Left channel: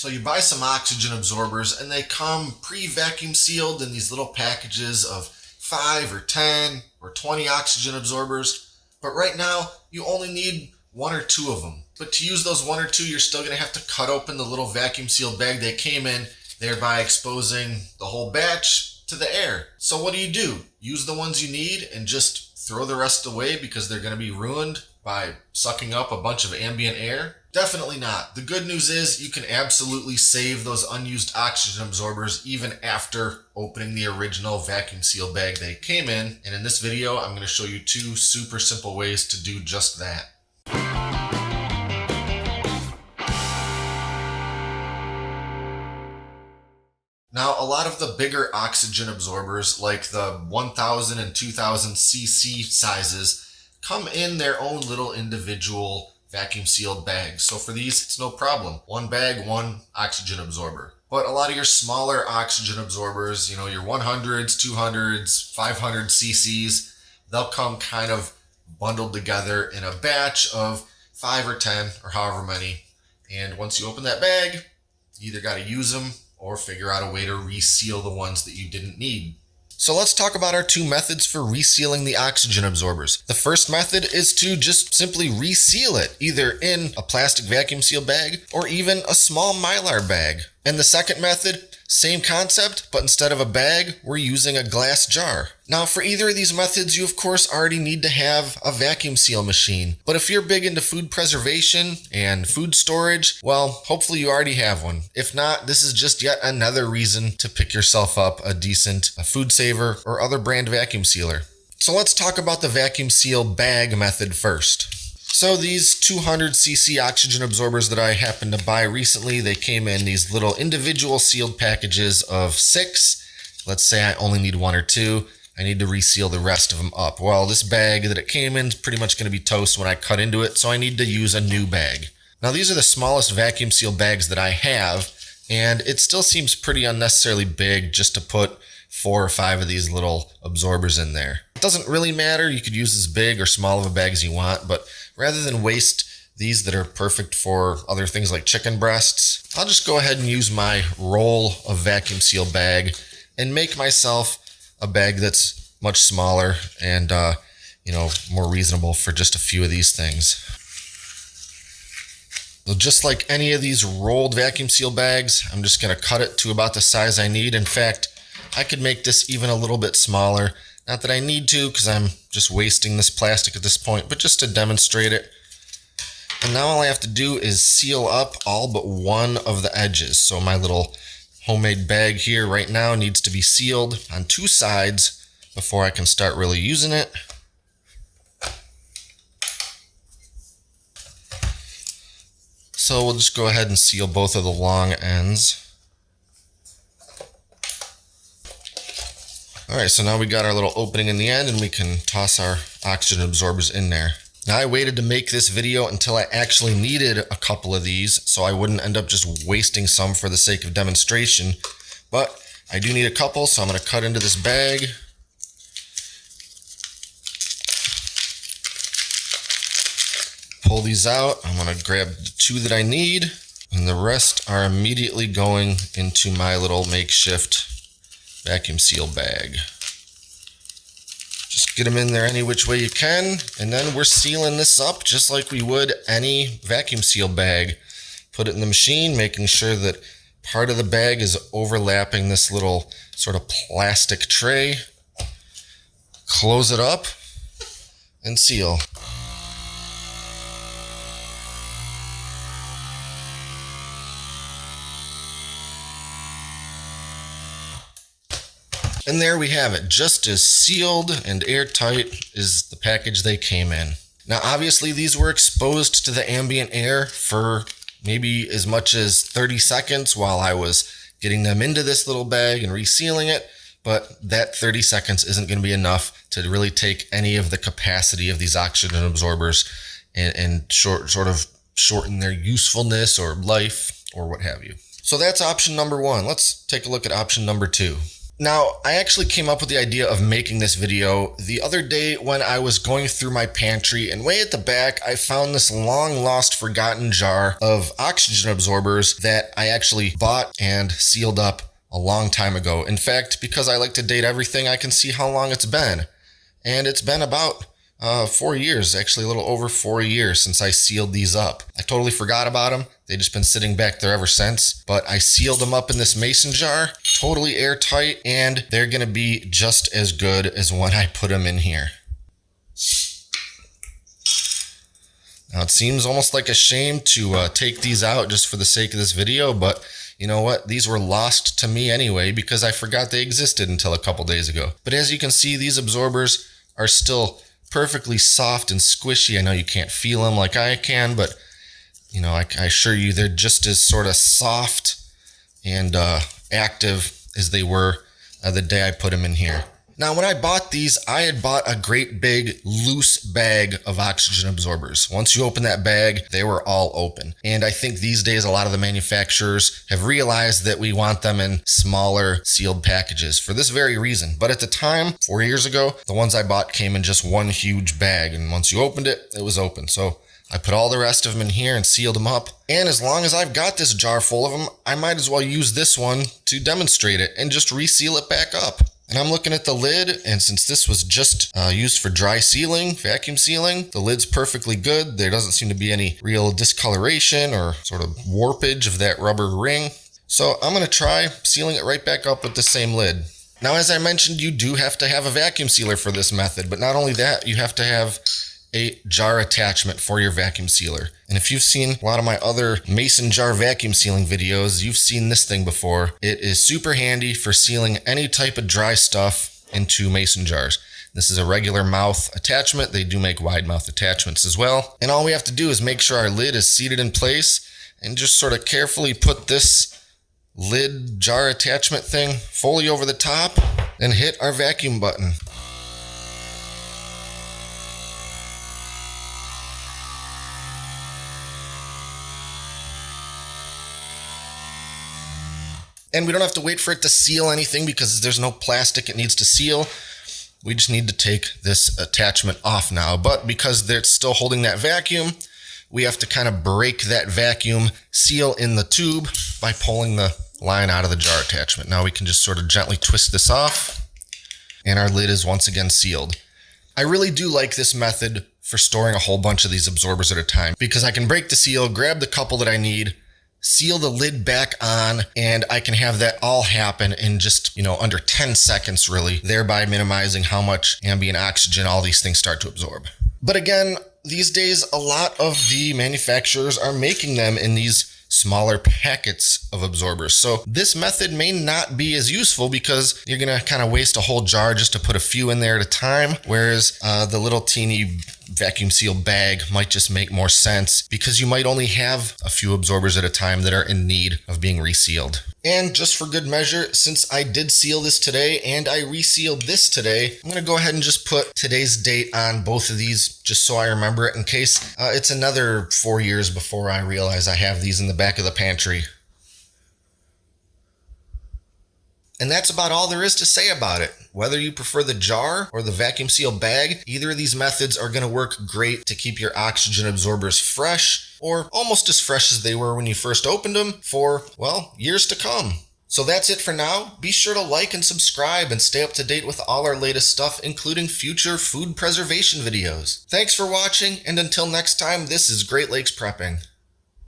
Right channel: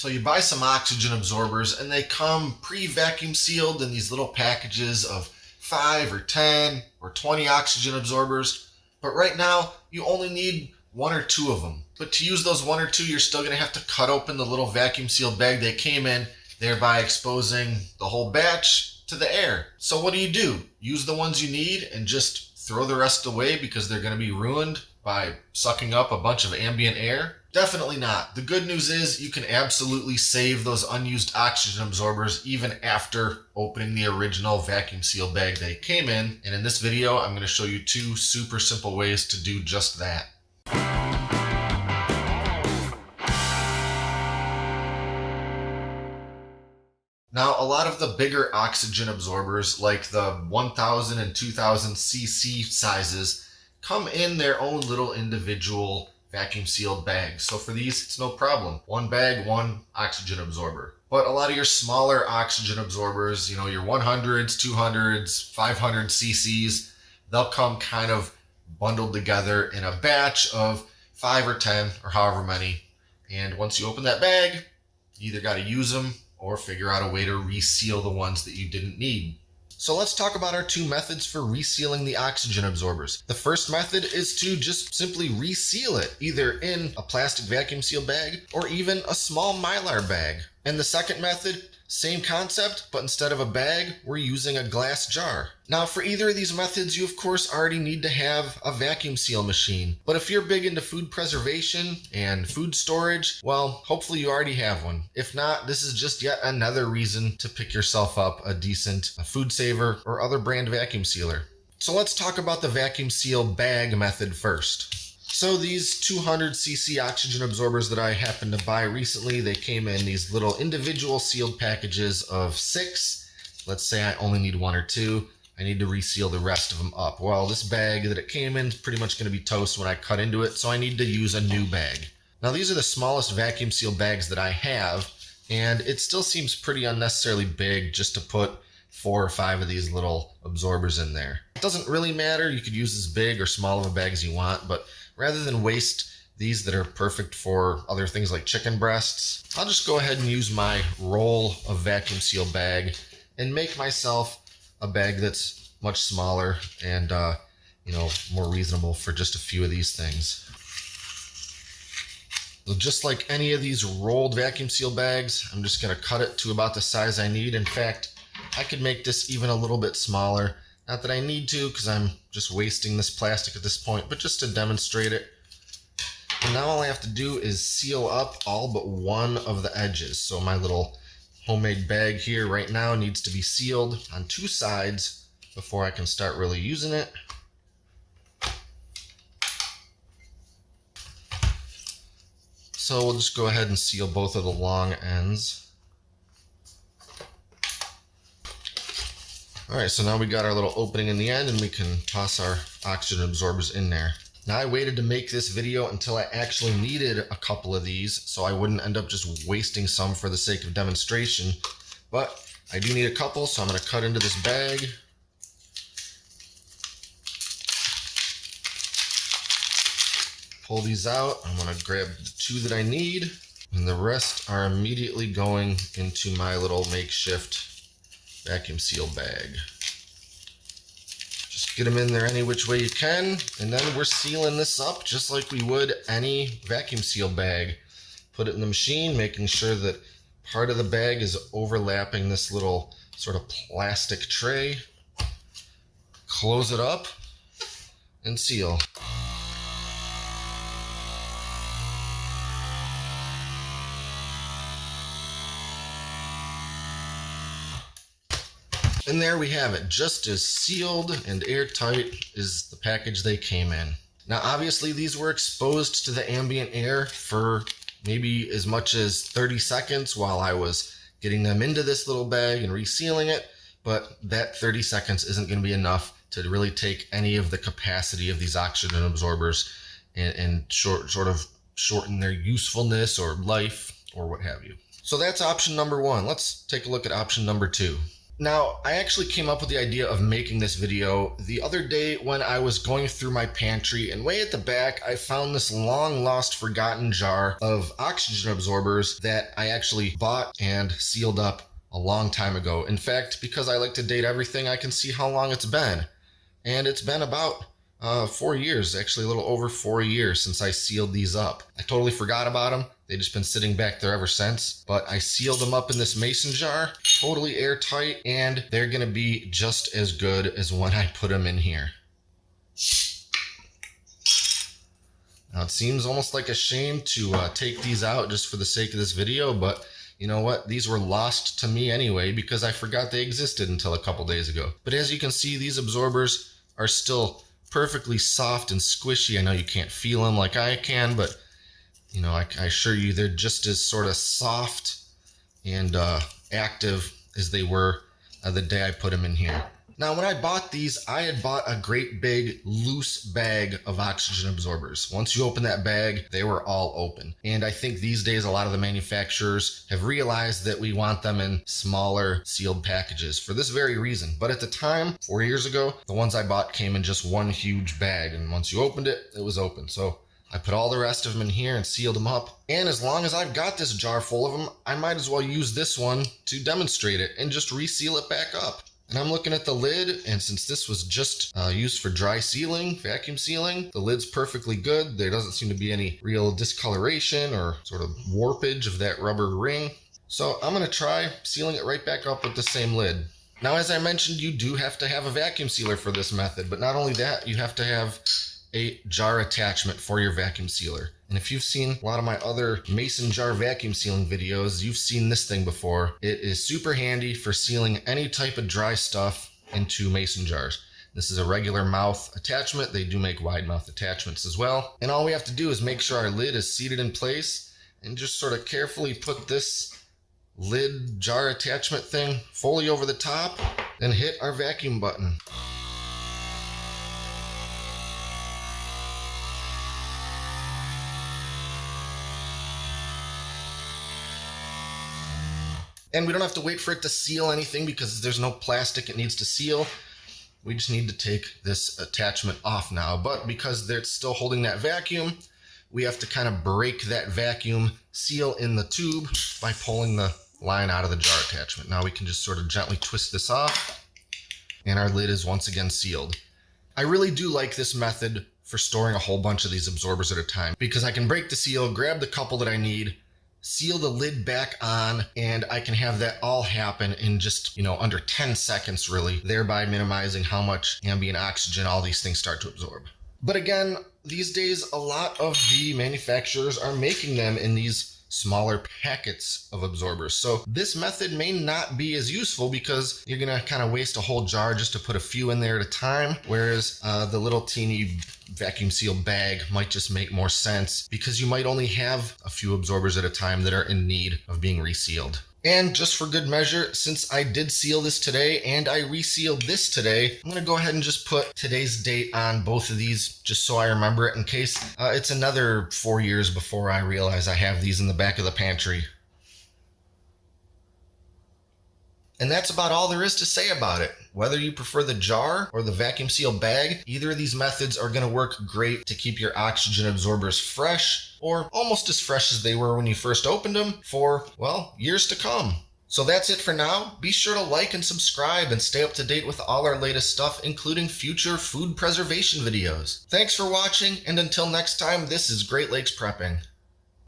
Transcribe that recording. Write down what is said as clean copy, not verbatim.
So you buy some oxygen absorbers and they come pre-vacuum sealed in these little packages of 5 or 10 or 20 oxygen absorbers. But right now you only need 1 or 2 of them. But to use those 1 or 2, you're still going to have to cut open the little vacuum sealed bag they came in, thereby exposing the whole batch to the air. So what do? Use the ones you need and just throw the rest away because they're going to be ruined by sucking up a bunch of ambient air? Definitely not. The good news is you can absolutely save those unused oxygen absorbers even after opening the original vacuum seal bag they came in. And in this video, I'm going to show you 2 super simple ways to do just that. Now, a lot of the bigger oxygen absorbers, like the 1000 and 2000 cc sizes, come in their own little individual vacuum sealed bags. So for these, it's no problem. 1 bag, 1 oxygen absorber. But a lot of your smaller oxygen absorbers, your 100s, 200s, 500 cc's, they'll come kind of bundled together in a batch of 5 or 10 or however many. And once you open that bag, you either got to use them or figure out a way to reseal the ones that you didn't need. So let's talk about our 2 methods for resealing the oxygen absorbers. The first method is to just simply reseal it, either in a plastic vacuum seal bag or even a small Mylar bag. And the second method, same concept, but instead of a bag, we're using a glass jar. Now for either of these methods, you of course already need to have a vacuum seal machine. But if you're big into food preservation and food storage, well, hopefully you already have one. If not, this is just yet another reason to pick yourself up a decent FoodSaver or other brand vacuum sealer. So let's talk about the vacuum seal bag method first. So these 200 cc oxygen absorbers that I happened to buy recently, they came in these little individual sealed packages of 6. Let's say I only need 1 or 2. I need to reseal the rest of them up. Well, this bag that it came in is pretty much going to be toast when I cut into it, so I need to use a new bag. Now these are the smallest vacuum seal bags that I have, and it still seems pretty unnecessarily big just to put 4 or 5 of these little absorbers in there. It doesn't really matter. You could use as big or small of a bag as you want, but rather than waste these that are perfect for other things like chicken breasts, I'll just go ahead and use my roll of vacuum seal bag and make myself a bag that's much smaller and more reasonable for just a few of these things. So just like any of these rolled vacuum seal bags, I'm just going to cut it to about the size I need. In fact, I could make this even a little bit smaller. Not that I need to, because I'm just wasting this plastic at this point, but just to demonstrate it. And now all I have to do is seal up all but one of the edges. So my little homemade bag here right now needs to be sealed on 2 sides before I can start really using it. So we'll just go ahead and seal both of the long ends. All right, so now we got our little opening in the end and we can toss our oxygen absorbers in there. Now I waited to make this video until I actually needed a couple of these so I wouldn't end up just wasting some for the sake of demonstration. But I do need a couple, so I'm gonna cut into this bag. Pull these out. I'm gonna grab the 2 that I need, and the rest are immediately going into my little makeshift vacuum seal bag. Just get them in there any which way you can, and then we're sealing this up just like we would any vacuum seal bag. Put it in the machine, making sure that part of the bag is overlapping this little sort of plastic tray. Close it up and seal. And there we have it, just as sealed and airtight as the package they came in. Now obviously these were exposed to the ambient air for maybe as much as 30 seconds while I was getting them into this little bag and resealing it, but that 30 seconds isn't going to be enough to really take any of the capacity of these oxygen absorbers and sort of shorten their usefulness or life or what have you. So that's option number 1. Let's take a look at option number 2. Now, I actually came up with the idea of making this video the other day when I was going through my pantry, and way at the back, I found this long lost forgotten jar of oxygen absorbers that I actually bought and sealed up a long time ago. In fact, because I like to date everything, I can see how long it's been. And it's been about 4 years, actually a little over 4 years since I sealed these up. I totally forgot about them. They've just been sitting back there ever since, but I sealed them up in this mason jar, totally airtight, and they're gonna be just as good as when I put them in here. Now it seems almost like a shame to take these out just for the sake of this video, but you know what? These were lost to me anyway because I forgot they existed until a couple days ago. But as you can see, these absorbers are still perfectly soft and squishy. I know you can't feel them like I can, but you know, I assure you they're just as sort of soft and active as they were the day I put them in here. Now, when I bought these, I had bought a great big loose bag of oxygen absorbers. Once you open that bag, they were all open. And I think these days, a lot of the manufacturers have realized that we want them in smaller sealed packages for this very reason. But at the time, 4 years ago, the ones I bought came in just one huge bag. And once you opened it, it was open. So I put all the rest of them in here and sealed them up. And as long as I've got this jar full of them, I might as well use this one to demonstrate it and just reseal it back up. And I'm looking at the lid, and since this was just used for dry sealing, vacuum sealing, the lid's perfectly good. There doesn't seem to be any real discoloration or sort of warpage of that rubber ring. So I'm gonna try sealing it right back up with the same lid. Now, as I mentioned, you do have to have a vacuum sealer for this method, but not only that, you have to have a jar attachment for your vacuum sealer. And if you've seen a lot of my other mason jar vacuum sealing videos, you've seen this thing before. It is super handy for sealing any type of dry stuff into mason jars. This is a regular mouth attachment. They do make wide mouth attachments as well. And all we have to do is make sure our lid is seated in place and just sort of carefully put this lid jar attachment thing fully over the top and hit our vacuum button. And we don't have to wait for it to seal anything because there's no plastic it needs to seal. We just need to take this attachment off now. But because it's still holding that vacuum, we have to kind of break that vacuum seal in the tube by pulling the line out of the jar attachment. Now we can just sort of gently twist this off, and our lid is once again sealed. I really do like this method for storing a whole bunch of these absorbers at a time because I can break the seal, grab the couple that I need, seal the lid back on, and I can have that all happen in just, under 10 seconds really, thereby minimizing how much ambient oxygen all these things start to absorb. But again, these days, a lot of the manufacturers are making them in these smaller packets of absorbers. So this method may not be as useful because you're gonna kind of waste a whole jar just to put a few in there at a time, whereas the little teeny vacuum sealed bag might just make more sense because you might only have a few absorbers at a time that are in need of being resealed. And just for good measure, since I did seal this today and I resealed this today, I'm gonna go ahead and just put today's date on both of these just so I remember it in case it's another 4 years before I realize I have these in the back of the pantry. And that's about all there is to say about it. Whether you prefer the jar or the vacuum seal bag, either of these methods are going to work great to keep your oxygen absorbers fresh, or almost as fresh as they were when you first opened them for, well, years to come. So that's it for now. Be sure to like and subscribe and stay up to date with all our latest stuff, including future food preservation videos. Thanks for watching, and until next time, this is Great Lakes Prepping.